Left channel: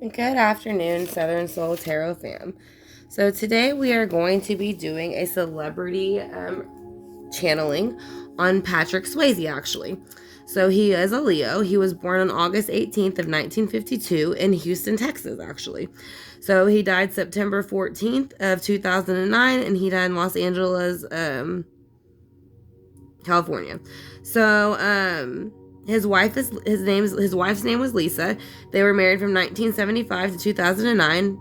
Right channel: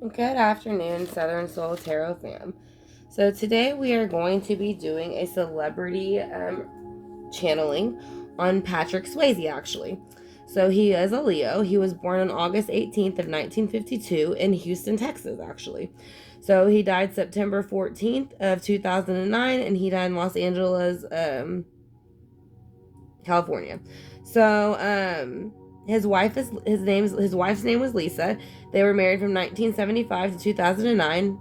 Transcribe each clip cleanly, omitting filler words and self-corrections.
Good afternoon, Southern Soul Tarot fam. So today we are going to be doing a celebrity channeling on Patrick Swayze, actually. So he is a Leo. He was born on August 18th of 1952 in Houston, Texas, actually. So he died September 14th of 2009, and he died in Los Angeles, California. So his wife's name was Lisa. They were married from 1975 to 2009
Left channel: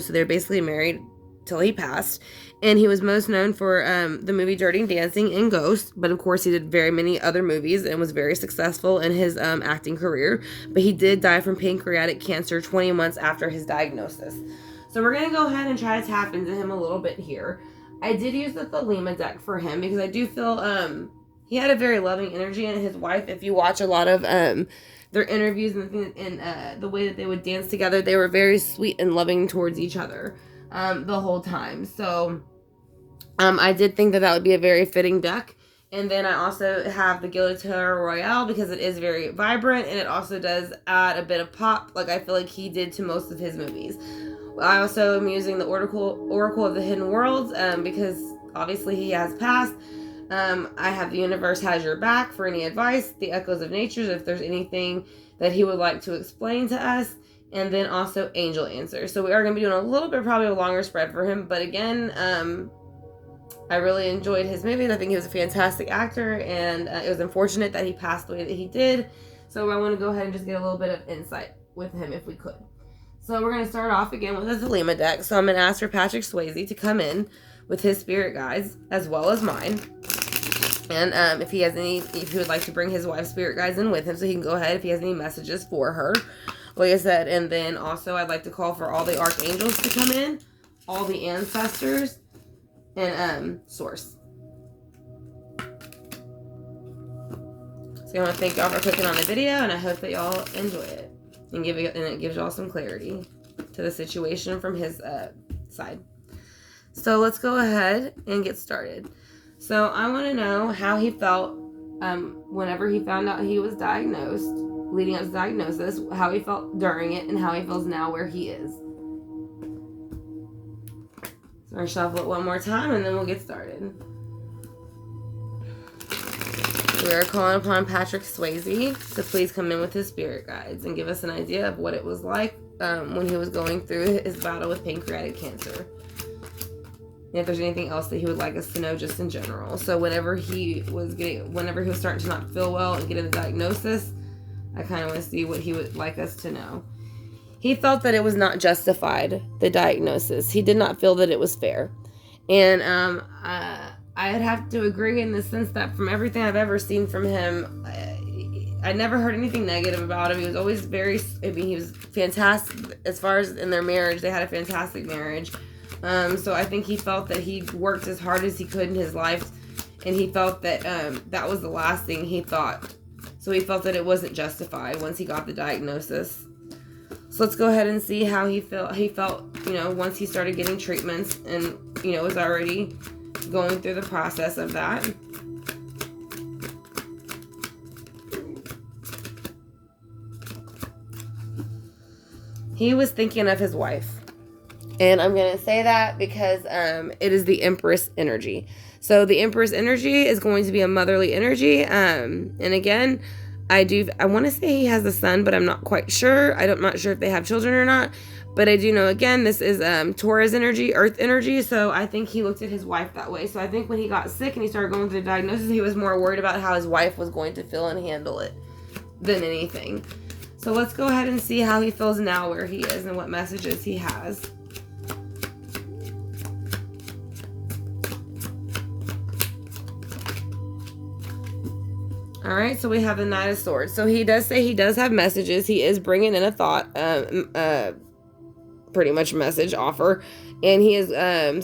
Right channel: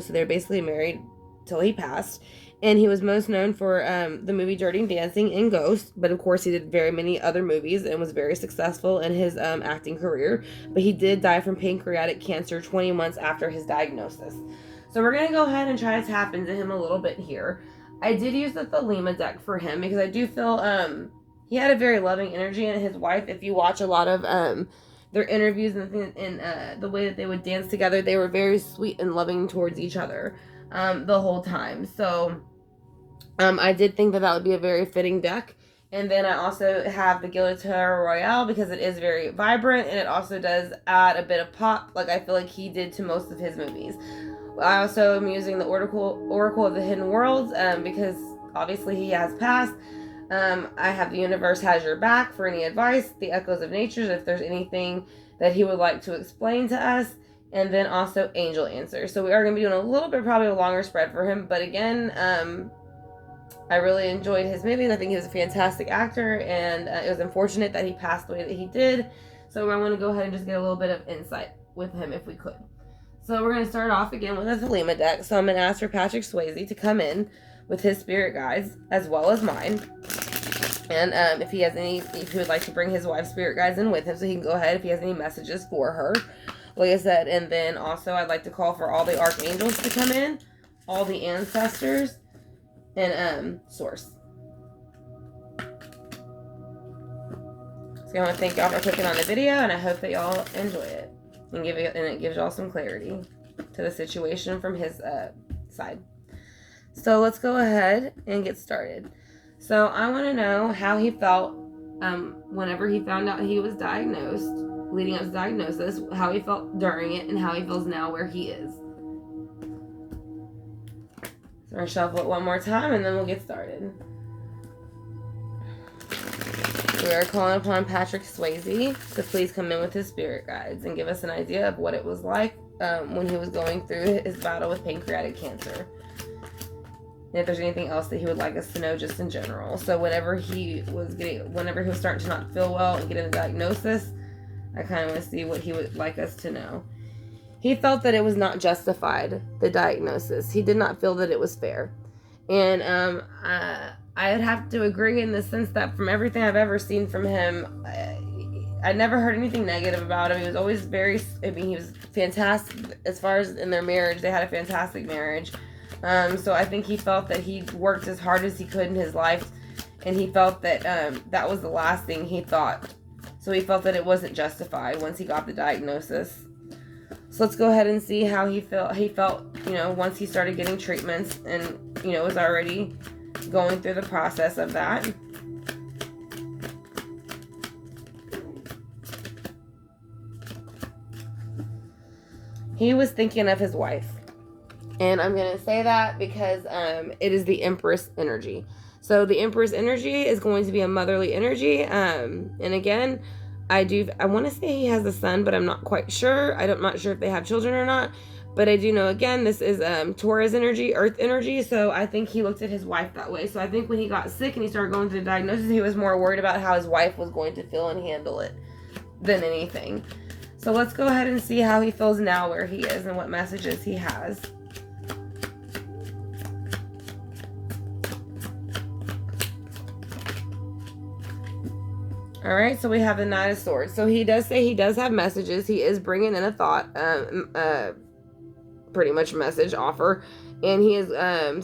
so they're basically married till he passed. And he was most known for the movie Dirty Dancing and Ghost, but of course he did very many other movies and was very successful in his acting career. But he did die from pancreatic cancer 20 months after his diagnosis. So we're gonna go ahead and try to tap into him a little bit here. I did use the Thelema deck for him because I do feel he had a very loving energy, and his wife, if you watch a lot of their interviews and the way that they would dance together, they were very sweet and loving towards each other the whole time. So I did think that would be a very fitting deck. And then I also have the Guillotine Royale because it is very vibrant, and it also does add a bit of pop, like I feel like he did to most of his movies. I also am using the Oracle of the Hidden Worlds because obviously he has passed. I have the Universe Has Your Back for any advice, the Echoes of Nature if there's anything that he would like to explain to us, and then also Angel Answers. So we are going to be doing a little bit, probably a longer spread for him, but again, I really enjoyed his movies. I think he was a fantastic actor, and it was unfortunate that he passed the way that he did. So I want to go ahead and just get a little bit of insight with him if we could. So we're going to start off again with a Thelema deck. So I'm going to ask for Patrick Swayze to come in with his spirit guides as well as mine. And if he would like to bring his wife's spirit guides in with him, so he can go ahead if he has any messages for her, like I said. And then also I'd like to call for all the archangels to come in, all the ancestors, and source. So I want to thank y'all for clicking on the video, and I hope that y'all enjoy it and it gives y'all some clarity to the situation from his side. So let's go ahead and get started. So I want to know how he felt whenever he found out he was diagnosed, leading up to diagnosis, how he felt during it, and how he feels now where he is. So we're going to shuffle it one more time, and then we'll get started. We are calling upon Patrick Swayze to please come in with his spirit guides and give us an idea of what it was like when he was going through his battle with pancreatic cancer. And if there's anything else that he would like us to know just in general. So whenever he was starting to not feel well and getting the diagnosis, I kind of want to see what he would like us to know. He felt that it was not justified, the diagnosis. He did not feel that it was fair. And I would have to agree in the sense that from everything I've ever seen from him, I never heard anything negative about him. He was always he was fantastic as far as in their marriage. They had a fantastic marriage. So I think he felt that he worked as hard as he could in his life, and he felt that that was the last thing he thought. So he felt that it wasn't justified once he got the diagnosis. So let's go ahead and see how he felt. He felt, once he started getting treatments and, was already going through the process of that. He was thinking of his wife. And I'm going to say that because it is the Empress energy. So the Empress energy is going to be a motherly energy. And again, I want to say he has a son, but I'm not quite sure. I'm not sure if they have children or not. But I do know, again, this is Taurus energy, earth energy. So I think he looked at his wife that way. So I think when he got sick and he started going through the diagnosis, he was more worried about how his wife was going to feel and handle it than anything. So let's go ahead and see how he feels now where he is and what messages he has. All right, so we have the Knight of Swords. So he does say he does have messages. He is bringing in a thought, pretty much message offer, and he is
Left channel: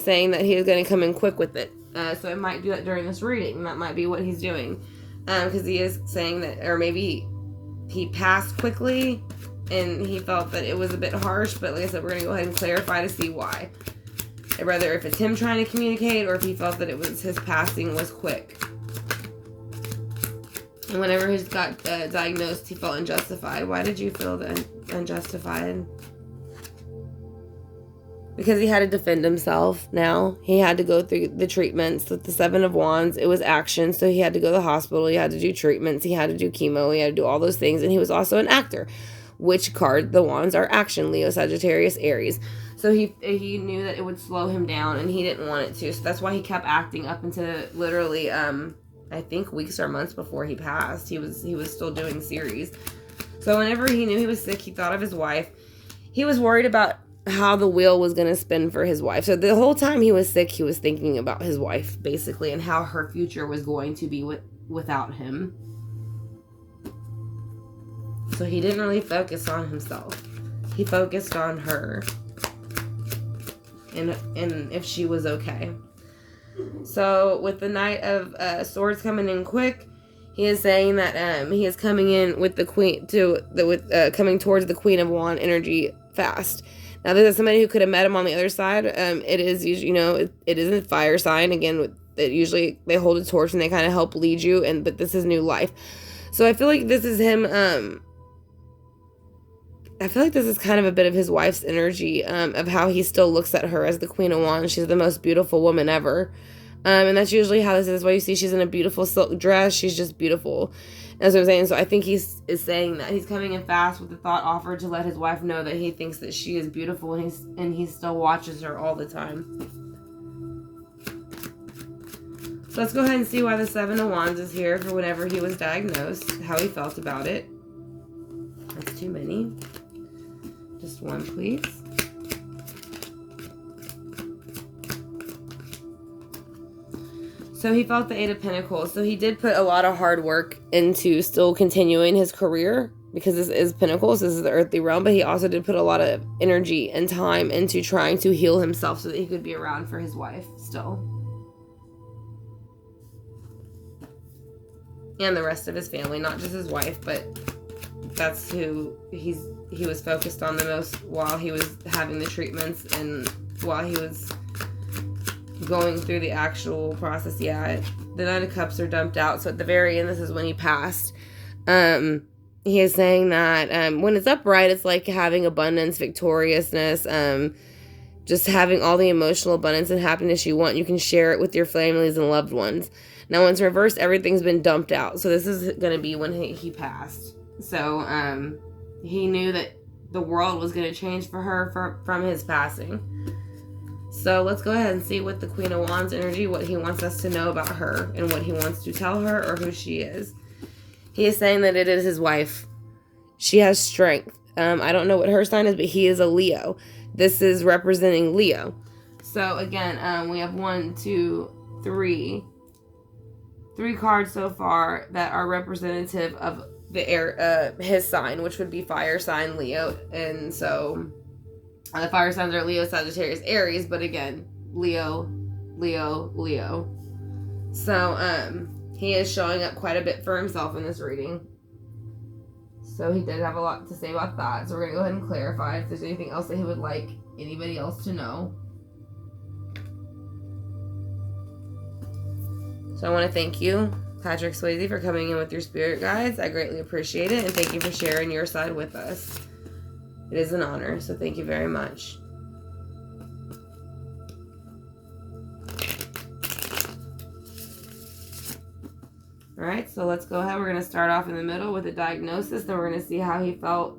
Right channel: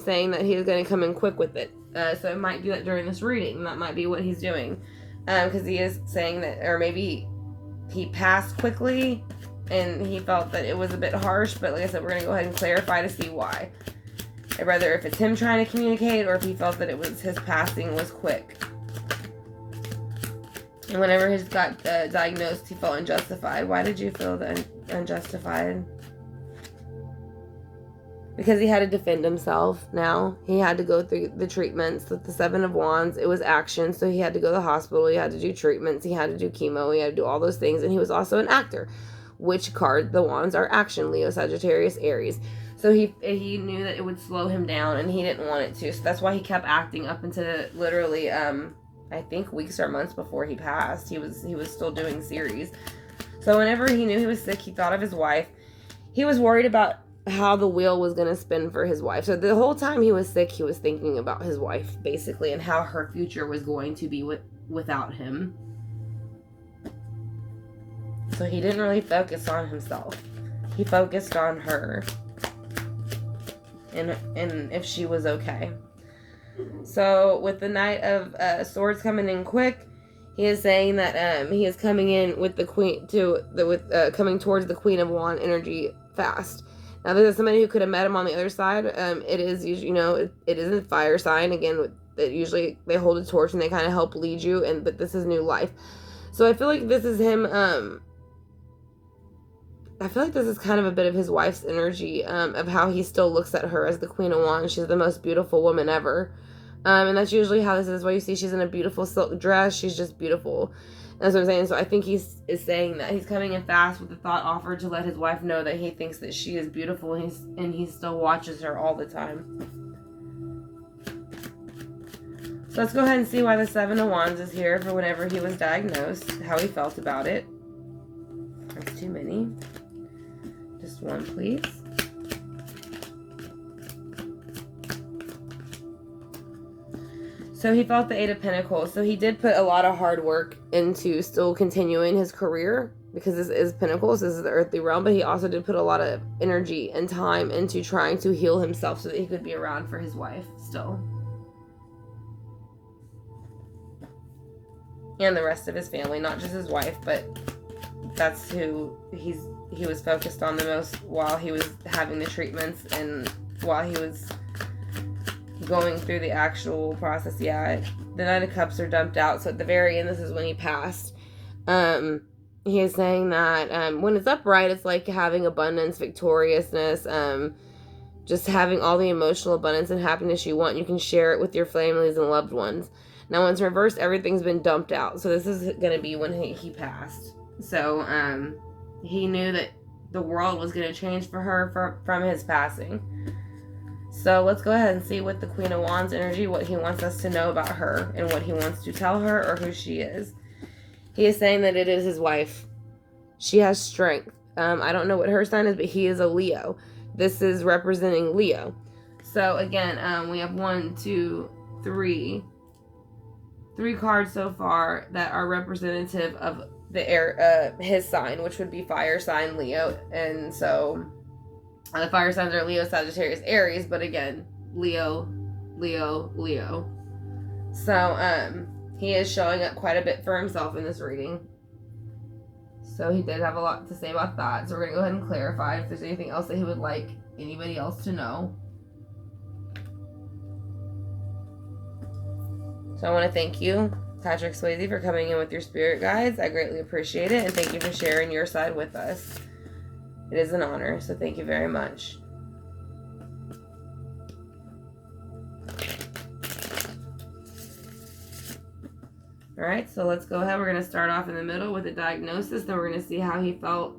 saying that he is going to come in quick with it. So it might do that during this reading. That might be what he's doing, because he is saying that, or maybe he passed quickly, and he felt that it was a bit harsh. But like I said, we're going to go ahead and clarify to see why. Whether if it's him trying to communicate, or if he felt that it was his passing was quick. And whenever he got diagnosed, he felt unjustified. Why did you feel unjustified? Because he had to defend himself now. He had to go through the treatments with the Seven of Wands. It was action, so he had to go to the hospital. He had to do treatments. He had to do chemo. He had to do all those things. And he was also an actor, which card the wands are action, Leo, Sagittarius, Aries. So he knew that it would slow him down, and he didn't want it to. So that's why he kept acting up until literally, I think weeks or months before he passed. He was still doing series. So whenever he knew he was sick, he thought of his wife. He was worried about how the wheel was going to spin for his wife. So the whole time he was sick, he was thinking about his wife, basically, and how her future was going to be without him. So he didn't really focus on himself. He focused on her. And if she was okay. So with the Knight of Swords coming in quick, he is saying that he is coming in with the Queen coming towards the Queen of Wand energy fast. Now, this is somebody who could have met him on the other side. It is usually, it is a fire sign. Again, usually they hold a torch and they kind of help lead you. But this is new life. So I feel like this is him. I feel like this is kind of a bit of his wife's energy of how he still looks at her as the Queen of Wands. She's the most beautiful woman ever. And that's usually how this is. Why you see she's in a beautiful silk dress. She's just beautiful. That's what I'm saying. So I think is saying that he's coming in fast with the thought offered to let his wife know that he thinks that she is beautiful, and he still watches her all the time. So let's go ahead and see why the Seven of Wands is here for whenever he was diagnosed, how he felt about it. That's too many. Just one, please. So he felt the Eight of Pentacles. So he did put a lot of hard work into still continuing his career, because this is Pentacles, this is the earthly realm, but he also did put a lot of energy and time into trying to heal himself so that he could be around for his wife still. And the rest of his family, not just his wife, but that's who he was focused on the most while he was having the treatments and while he was going through the actual process. Yeah, the Nine of Cups are dumped out. So at the very end, this is when he passed. He is saying that when it's upright, it's like having abundance, victoriousness, just having all the emotional abundance and happiness you want. You can share it with your families and loved ones. Now, when it's reversed, everything's been dumped out. So this is going to be when he passed. So he knew that the world was going to change for her from his passing. So let's go ahead and see what the Queen of Wands energy, what he wants us to know about her and what he wants to tell her or who she is. He is saying that it is his wife. She has strength. I don't know what her sign is, but he is a Leo. This is representing Leo. So again, we have 1, 2, 3 cards so far that are representative of the air, his sign, which would be fire sign Leo. And so the fire signs are Leo, Sagittarius, Aries, but again, Leo, Leo, Leo. So he is showing up quite a bit for himself in this reading. So he did have a lot to say about that. So we're going to go ahead and clarify if there's anything else that he would like anybody else to know. So I want to thank you, Patrick Swayze, for coming in with your spirit guides. I greatly appreciate it. And thank you for sharing your side with us. It is an honor. So thank you very much. Alright, so let's go ahead. We're going to start off in the middle with a diagnosis. Then we're going to see how he felt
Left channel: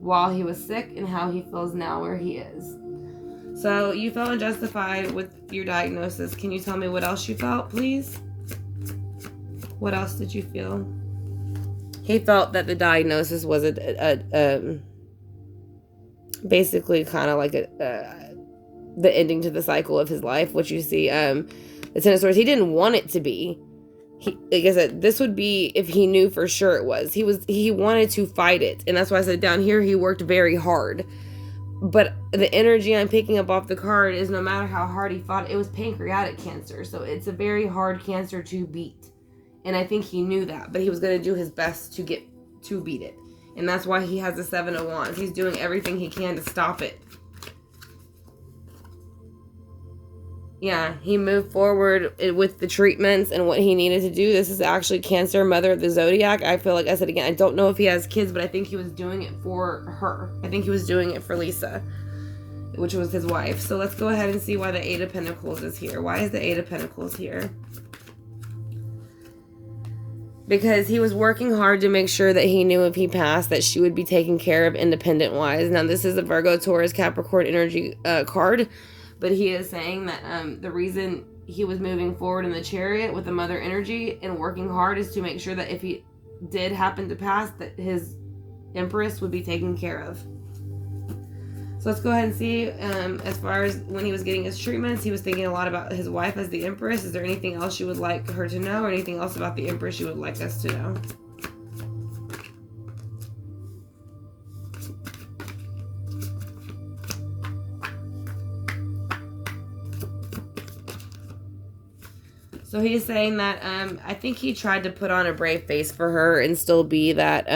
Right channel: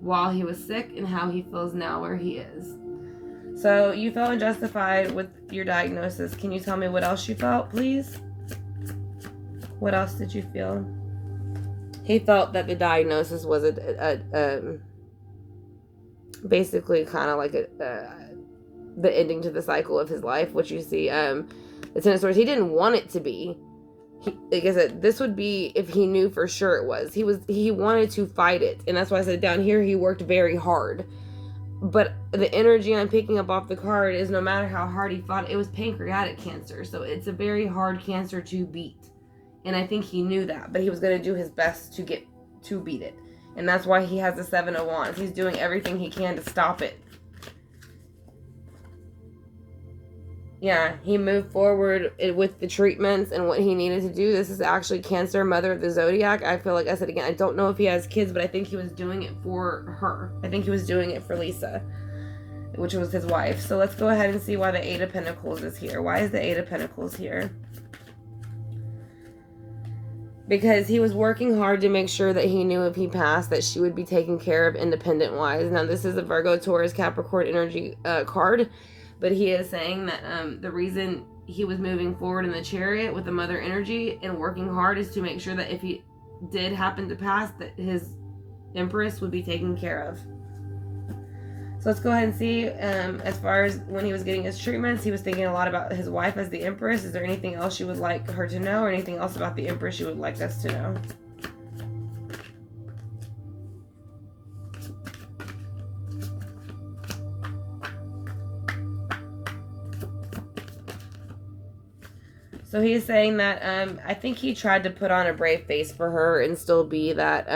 while he was sick and how he feels now where he is. So you felt unjustified with your diagnosis. Can you tell me what else you felt, please? What else did you feel? He felt that the diagnosis was basically kind of like the ending to the cycle of his life, which you see the Ten of Swords. He didn't want it to be. Like I said, this would be if he knew for sure it was. He wanted to fight it, and that's why I said down here he worked very hard. But the energy I'm picking up off the card is no matter how hard he fought, it was pancreatic cancer, so it's a very hard cancer to beat. And I think he knew that, but he was going to do his best to beat it. And that's why he has the Seven of Wands. He's doing everything he can to stop it. Yeah, he moved forward with the treatments and what he needed to do. This is actually Cancer, mother of the zodiac. I feel like I said again, I don't know if he has kids, but I think he was doing it for her. I think he was doing it for Lisa, which was his wife. So let's go ahead and see why the Eight of Pentacles is here. Why is the Eight of Pentacles here? Because he was working hard to make sure that he knew if he passed that she would be taken care of independent wise. Now this is a Virgo, Taurus, Capricorn energy card. But he is saying that the reason he was moving forward in the Chariot with the mother energy and working hard is to make sure that if he did happen to pass, that his Empress would be taken care of. So let's go ahead and see, as far as when he was getting his treatments, he was thinking a lot about his wife as the Empress. Is there anything else you would like her to know, or anything else about the Empress you would like us to know? So he is saying that I think he tried to put on a brave face for her and still be that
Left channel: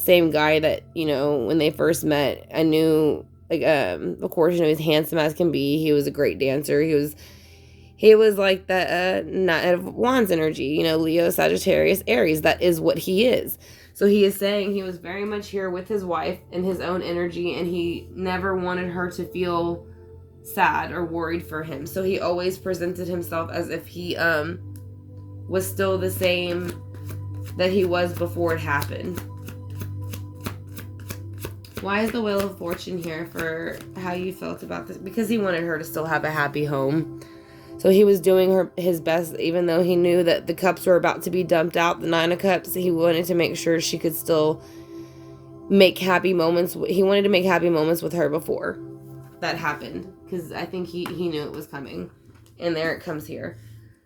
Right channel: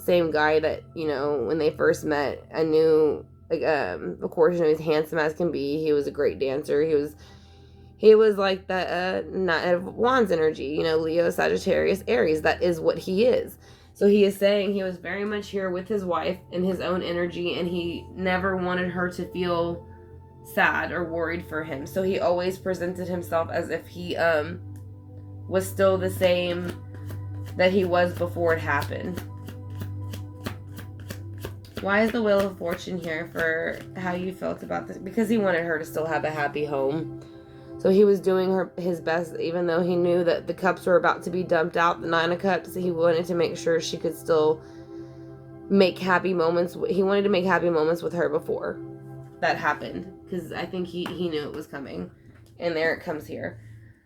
same guy that, you know, when they first met, I knew, like, of course, you know, he's handsome as can be. He was a great dancer. He was like the Knight of Wands energy, you know, Leo, Sagittarius, Aries. That is what he is. So he is saying he was very much here with his wife and his own energy, and he never wanted her to feel sad or worried for him. So he always presented himself as if he was still the same that he was before it happened. Why is the Wheel of Fortune here for how you felt about this? Because he wanted her to still have a happy home. So he was doing his best, even though he knew that the cups were about to be dumped out, the Nine of Cups. He wanted to make sure she could still make happy moments. He wanted to make happy moments with her before that happened, because I think he knew it was coming, and there it comes here.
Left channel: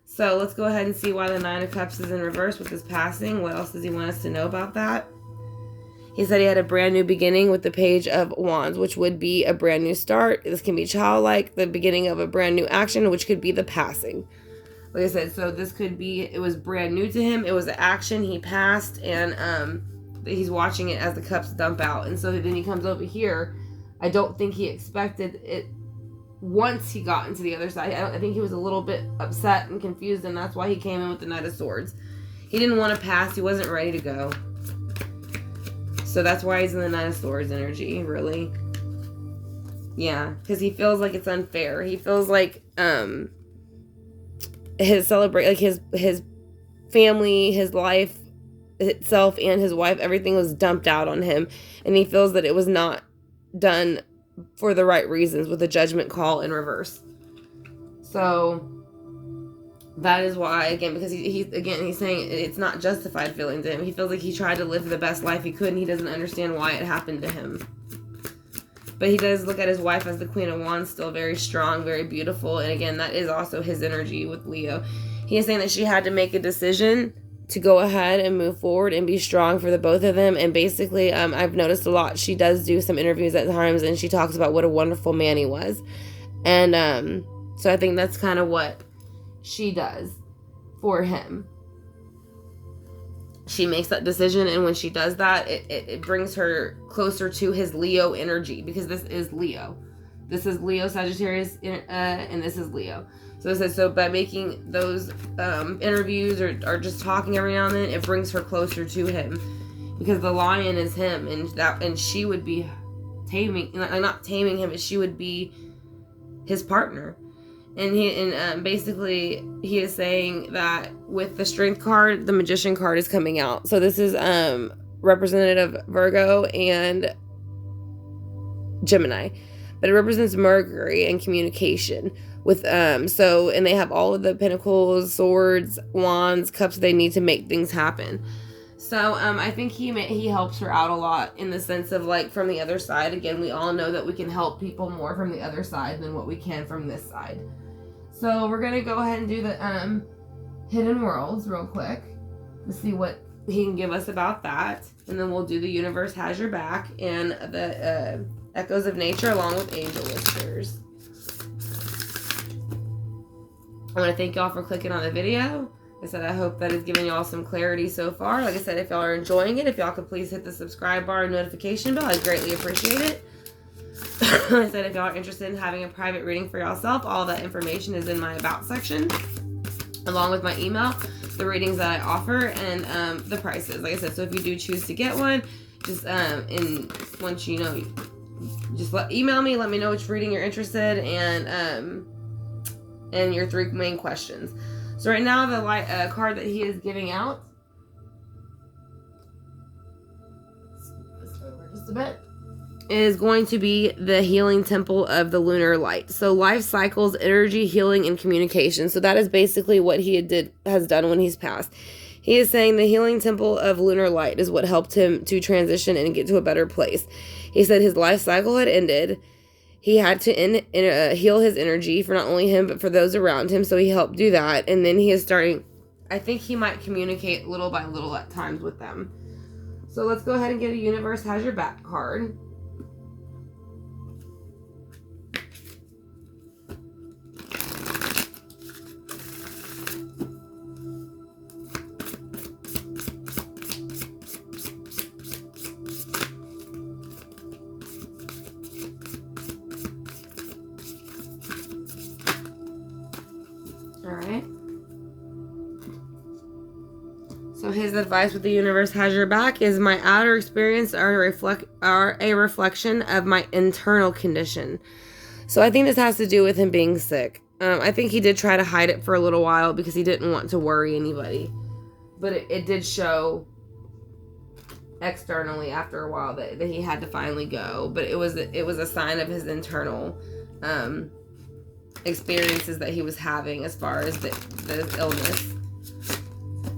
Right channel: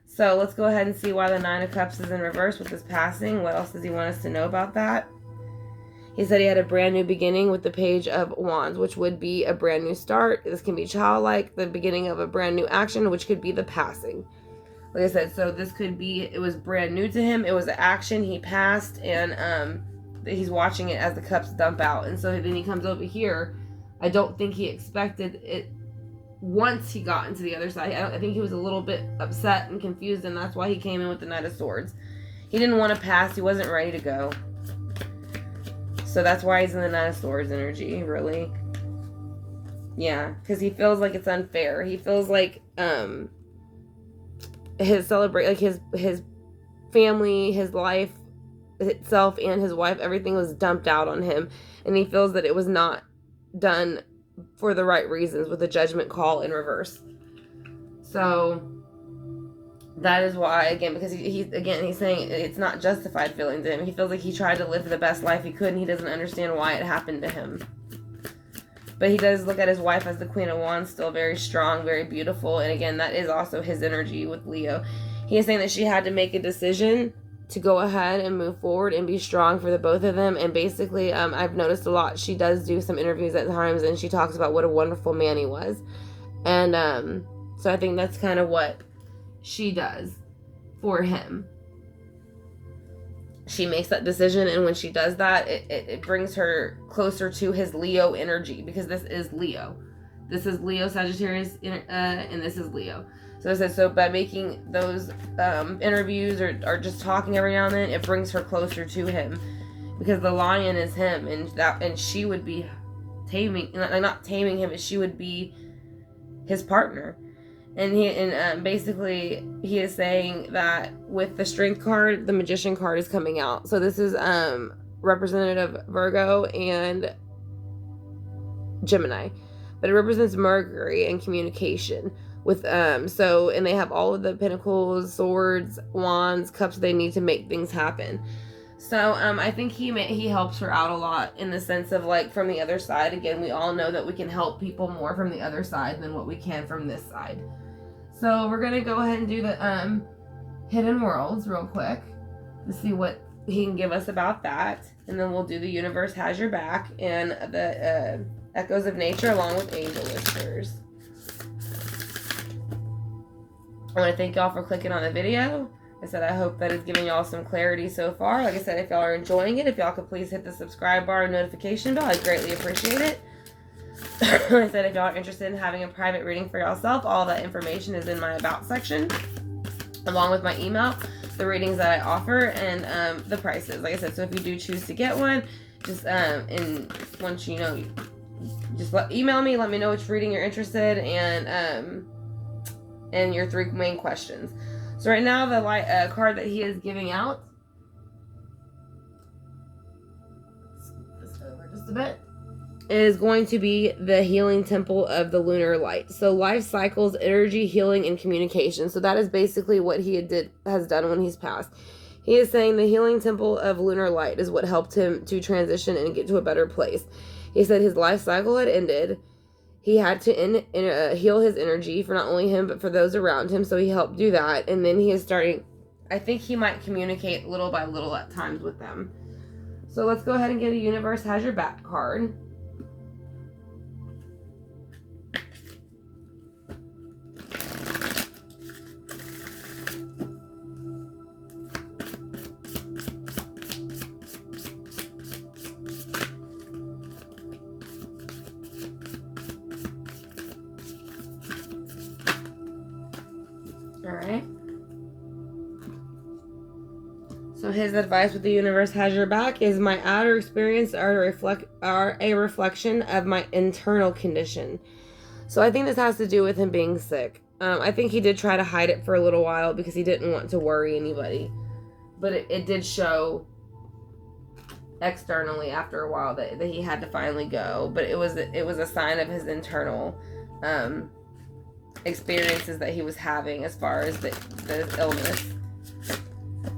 So let's go ahead and see why the Nine of Cups is in reverse with his passing. What else does he want us to know about that? He said he had a brand new beginning with the Page of Wands, which would be a brand new start. This can be childlike, the beginning of a brand new action, which could be the passing. Like I said, so this could be, it was brand new to him. It was an action. He passed, and he's watching it as the cups dump out. And so then he comes over here. I don't think he expected it once he got into the other side. I think he was a little bit upset and confused, and that's why he came in with the Knight of Swords. He didn't want to pass. He wasn't ready to go. So that's why he's in the Knight of Swords energy, really. Yeah, because he feels like it's unfair. He feels like his family, his life itself, and his wife, everything was dumped out on him, and he feels that it was not done for the right reasons with a judgment call in reverse. So that is why, again, because he's saying it's not justified feeling to him. He feels like he tried to live the best life he could, and he doesn't understand why it happened to him. But he does look at his wife as the Queen of Wands, still very strong, very beautiful, and again, that is also his energy with Leo. He is saying that she had to make a decision to go ahead and move forward and be strong for the both of them. And basically, I've noticed a lot. She does do some interviews at times, and she talks about what a wonderful man he was. And so I think that's kind of what she does for him. She makes that decision, and when she does that, it brings her closer to his Leo energy, because this is Leo. This is Leo, Sagittarius, and this is Leo. So it says, so by making those interviews or just talking every now and then, it brings her closer to him, because the lion is him, and she would be not taming him, but she would be his partner. And basically he is saying that with the Strength card, the Magician card is coming out. So this is representative Virgo and Gemini, but it represents Mercury and communication. With and they have all of the pentacles, swords, wands, cups they need to make things happen. So I think he helps her out a lot in the sense of, like, from the other side. Again, we all know that we can help people more from the other side than what we can from this side. So we're gonna go ahead and do the Hidden Worlds real quick to see what he can give us about that, and then we'll do the Universe Has Your Back and the Echoes of Nature along with Angel Whispers. I want to thank y'all for clicking on the video. Like I said, I hope that has given y'all some clarity so far. Like I said, if y'all are enjoying it, if y'all could please hit the subscribe bar and notification bell, I'd greatly appreciate it. I said if y'all are interested in having a private reading for yourself, all that information is in my about section, along with my email, the readings that I offer, and the prices. Like I said, so if you do choose to get one, just and once you know, just email me, let me know which reading you're interested in, and your 3 main questions. So right now, the card that he is giving out, let's move this over just a bit, is going to be the healing temple of the lunar light. So life cycles, energy, healing, and communication. So that is basically what he has done when he's passed. He is saying the healing temple of lunar light is what helped him to transition and get to a better place. He said his life cycle had ended. He had to heal his energy for not only him, but for those around him. So he helped do that. And then he is starting, I think he might communicate little by little at times with them. So let's go ahead and get a Universe Has Your Back card. Alright. So his advice with the universe has your back is my outer experience are a reflection of my internal condition. So I think this has to do with him being sick. I think he did try to hide it for a little while because he didn't want to worry anybody. But it did show externally after a while that he had to finally go. But it was a sign of his internal experiences that he was having as far as the illness.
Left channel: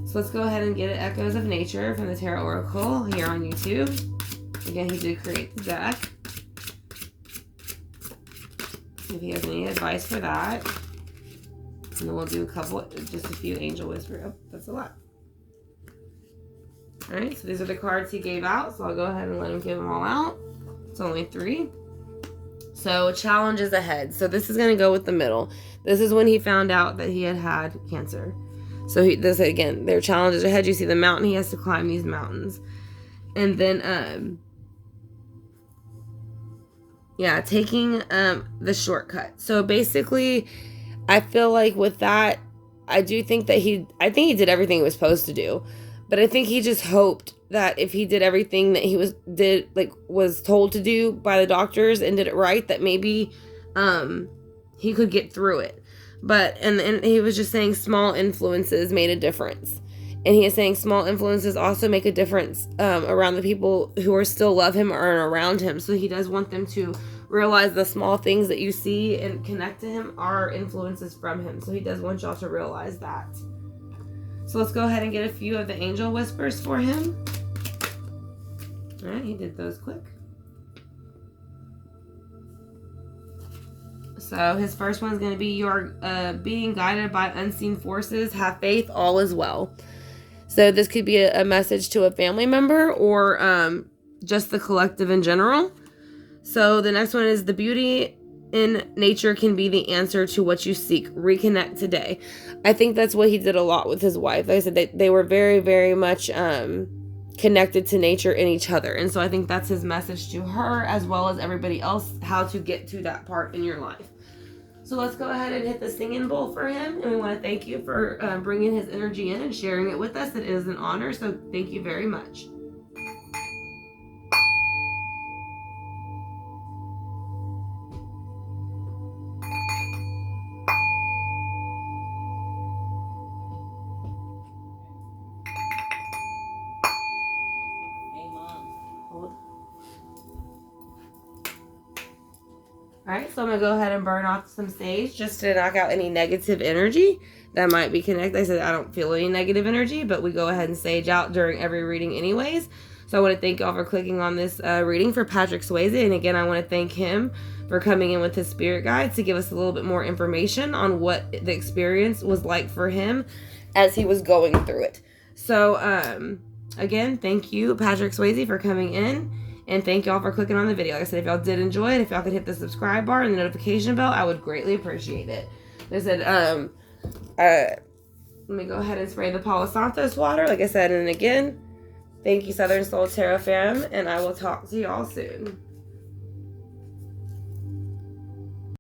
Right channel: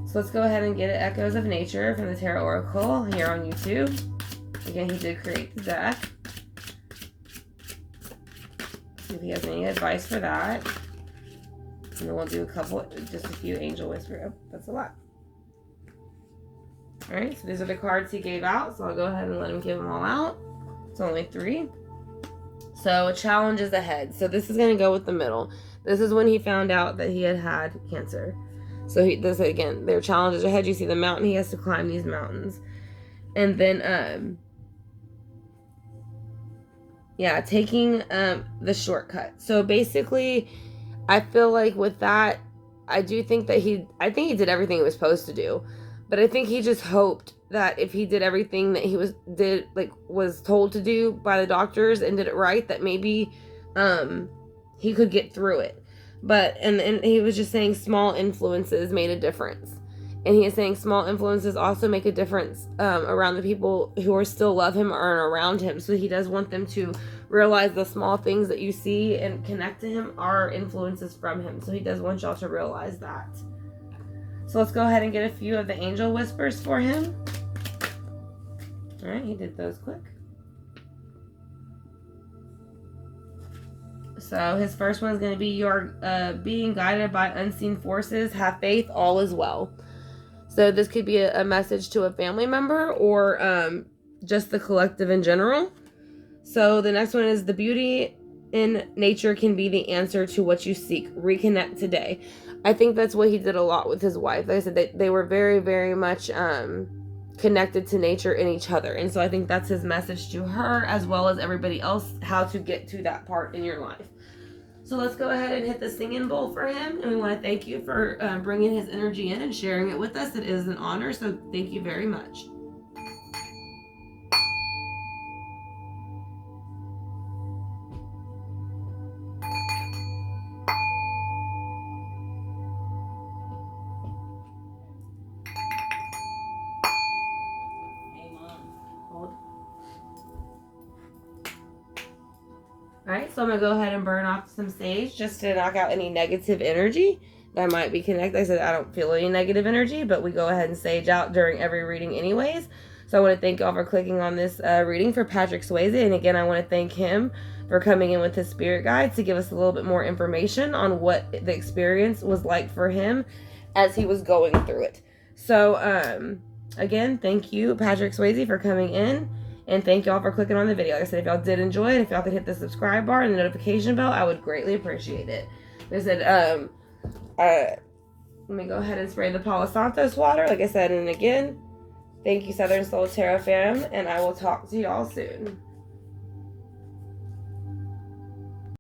So let's go ahead and get it. Echoes of Nature from the Tarot Oracle here on YouTube. Again, he did create the deck. See if he has any advice for that. And then we'll do just a few Angel Whisper. Oh, that's a lot. Alright, so these are the cards he gave out. So I'll go ahead and let him give them all out. It's only 3. So challenges ahead. So this is going to go with the middle. This is when he found out that he had cancer. So this again, there are challenges ahead. You see the mountain. He has to climb these mountains. And then, taking the shortcut. So basically, I feel like with that, I think he did everything he was supposed to do. But I think he just hoped that if he did everything that he was told to do by the doctors and did it right, that maybe he could get through it. But and he was just saying small influences made a difference. And he is saying small influences also make a difference around the people who are still love him or are around him. So he does want them to realize the small things that you see and connect to him are influences from him. So he does want y'all to realize that. So let's go ahead and get a few of the Angel Whispers for him. All right, he did those quick. So his first one is going to be you're being guided by unseen forces. Have faith, all is well. So this could be a message to a family member or just the collective in general. So the next one is the beauty in nature can be the answer to what you seek. Reconnect today. I think that's what he did a lot with his wife. Like I said, they were very, very much connected to nature and each other. And so I think that's his message to her as well as everybody else, how to get to that part in your life. So let's go ahead and hit the singing bowl for him. And we want to thank you for bringing his energy in and sharing it with us. It is an honor. So thank you very much. Alright, so I'm going to go ahead and burn off some sage just to knock out any negative energy that might be connected. I said I don't feel any negative energy, but we go ahead and sage out during every reading anyways. So I want to thank y'all for clicking on this reading for Patrick Swayze. And again, I want to thank him for coming in with his spirit guide to give us a little bit more information on what the experience was like for him as he was going through it. So, again, thank you, Patrick Swayze, for coming in. And thank y'all for clicking on the video. Like I said, if y'all did enjoy it, if y'all could hit the subscribe bar and the notification bell, I would greatly appreciate it. Like I said, let me go ahead and spray the Palo Santos water. Like I said, and again, thank you, Southern Soul Tarot fam, and I will talk to y'all soon.